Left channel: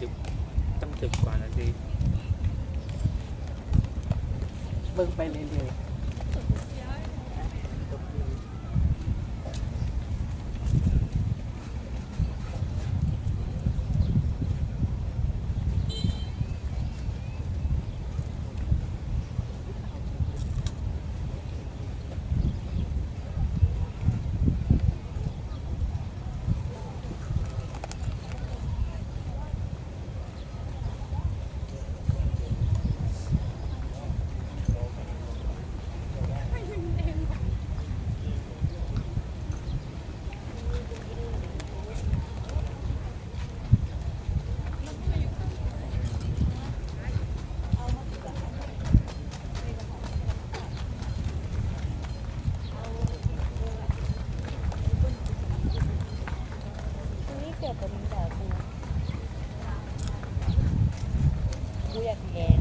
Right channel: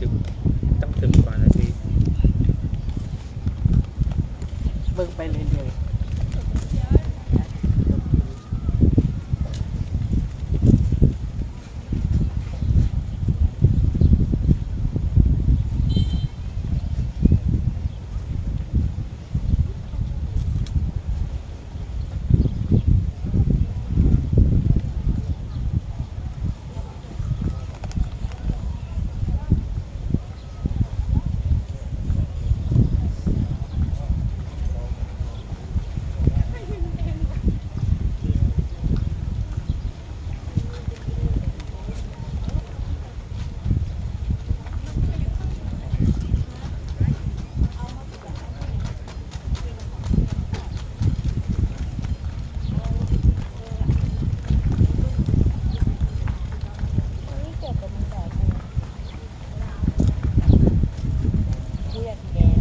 ตั้ง10 กว่านาทีเบิ่งไปเรื่อยนี่เกิดเป็นแบบกูอยากแกง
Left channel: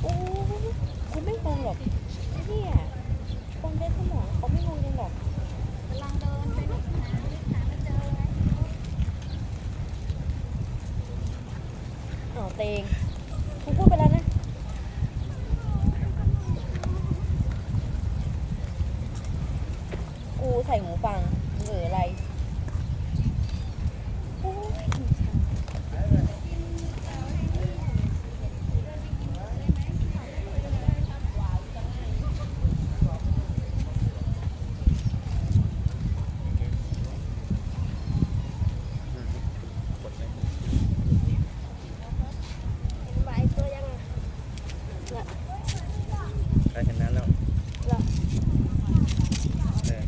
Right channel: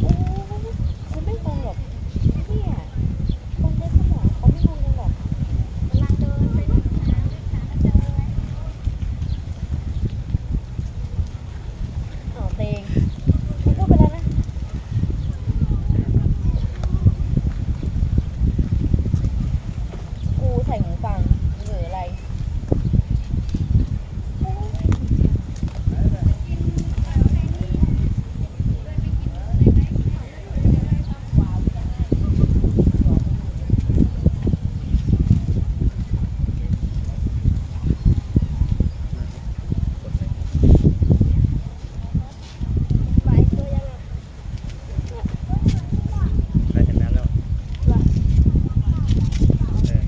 โอ้กูไม่งงแบบเนี่ยคนเล่นสมองเขาไม่งงแบบเวลาเดินไปนี่หนอเตงกูพูดไปแล้วนะกูใส่หูฟังหรืออะไรโอ้ยกดไหม มาไอตัวยังอ่ะ ได้ชนะแล้วเออ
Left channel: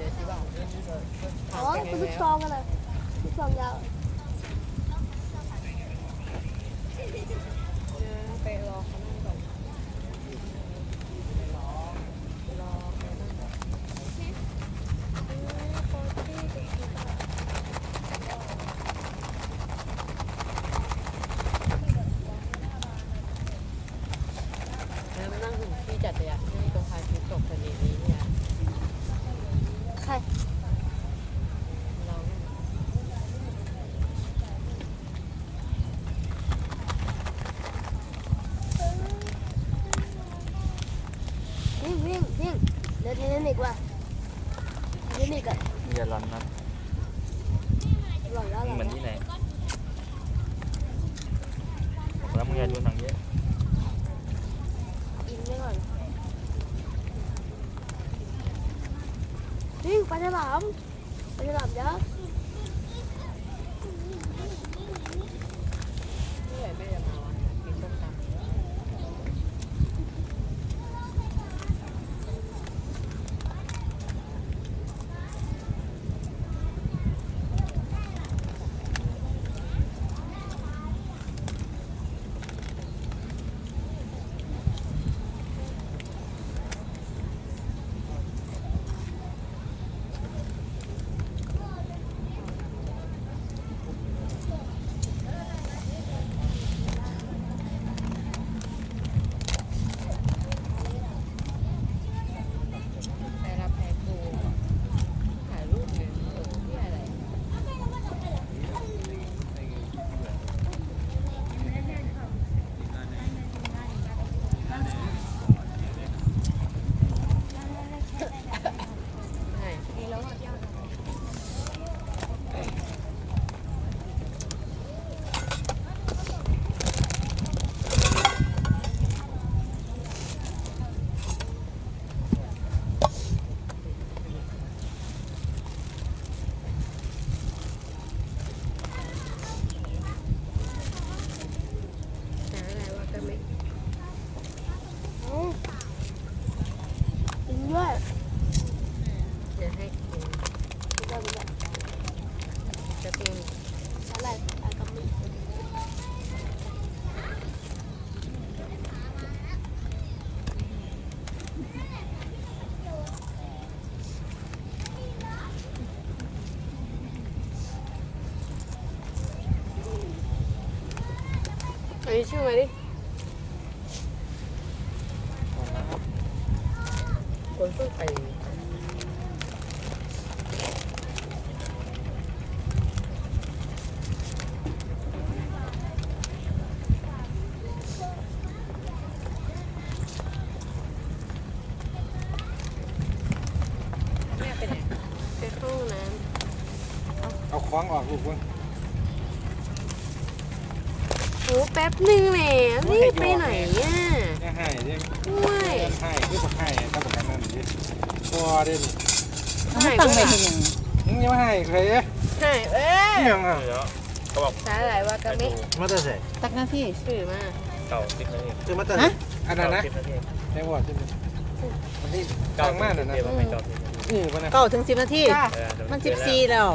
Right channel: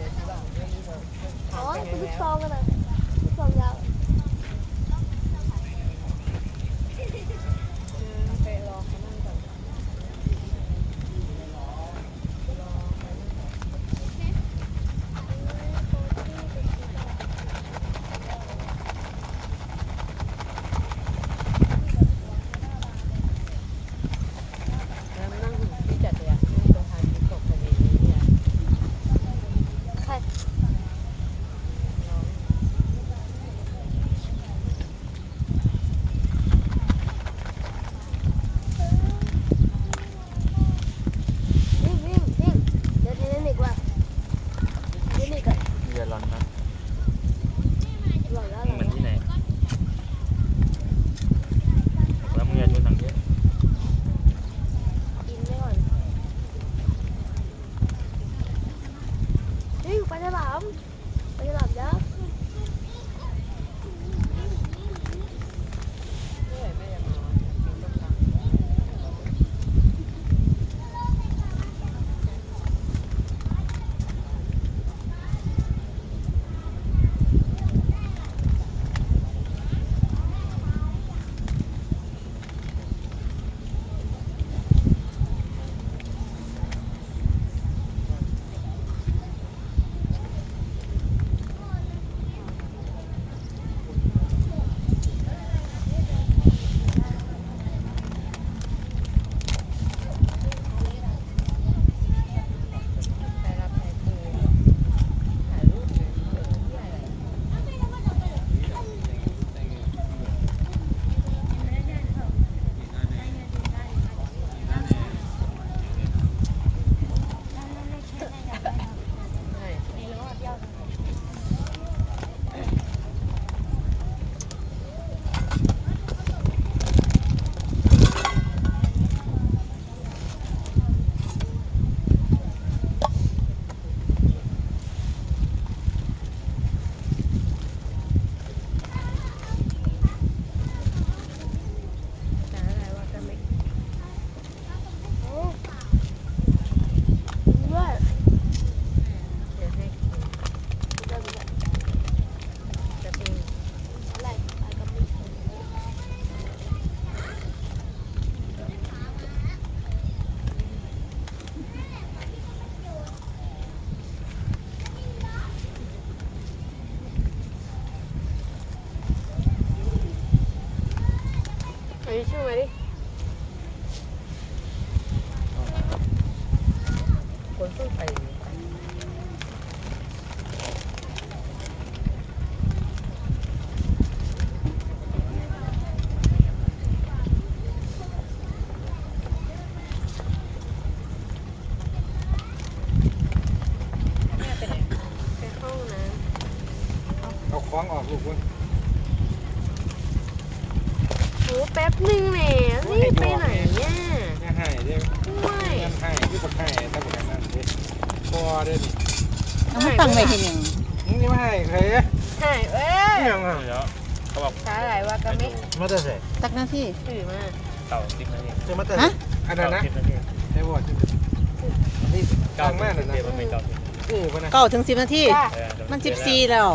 นะที่ว่าเรื่องนี้ก็ทางไป ลูก แล้ว ซองกันเลยลูกซองยาว ไปรอเขานั่งก่อนแล้วนั่งถึงที่จัดเลยอ่ะนั่งตรงทางที่ตกทะเลนี้เนี่ย ใครวิ่งเดินเล่นอีกว่ะเล่นอีกอ่ะ อย่าร้อนนะ หล่อยแล้ว มึงเหมือนที่ไหนบอกแล้วมึงอย่าดูหนังเยอะ กินไปก่อนวิ่งไปในหลามไปในหลามเยอะ เมื่อไหร่แม่จะมากินต้มยำ ใครรับใครปูถ่ายรูปเลยที่อะไรไหน ดีแล้วอ่ะพี่เอา หาอะไรวะกันไหม ด้วย เดี๋ยวให้กินจะเป็น อะไรก็ไม่ อันนี้ชื่ออะไรดิ เอาละ คนส้นไปแม่ไปไหนไปห้องน้ เอาคล้องออกอยู่เพิ่ง ำโหแป๊บนึงแหละรีบไปไหนเนี่ย อย่าให้ดิ ด้วย ให้คือบอกให้ถ้าบอกให้มันดิบ่เด่น เอามาตั้งไว้เห็นยัง มึงอย่ามาให้ใคร ให้เอ้ย ยังอ่ะ เดี๋ยวเขาบอก ช้าหลายว่ากัน ให้ ไม่ ดู มาได้ใส่ ตักหน้าที่ สื่อมา เก่า10 นาที จะมาได้ ฮะ อันนั้นนะ เก่า10 นาที ได้ว่าจะนี่ เก่า ทาง 10 มา นา นั่น ที นะ มันไม่เก่า10 นาที ปะนะ 9 ถึง 10 นาที จ้า เดี๋ยว มัน เจอแล้ว 14แล้ว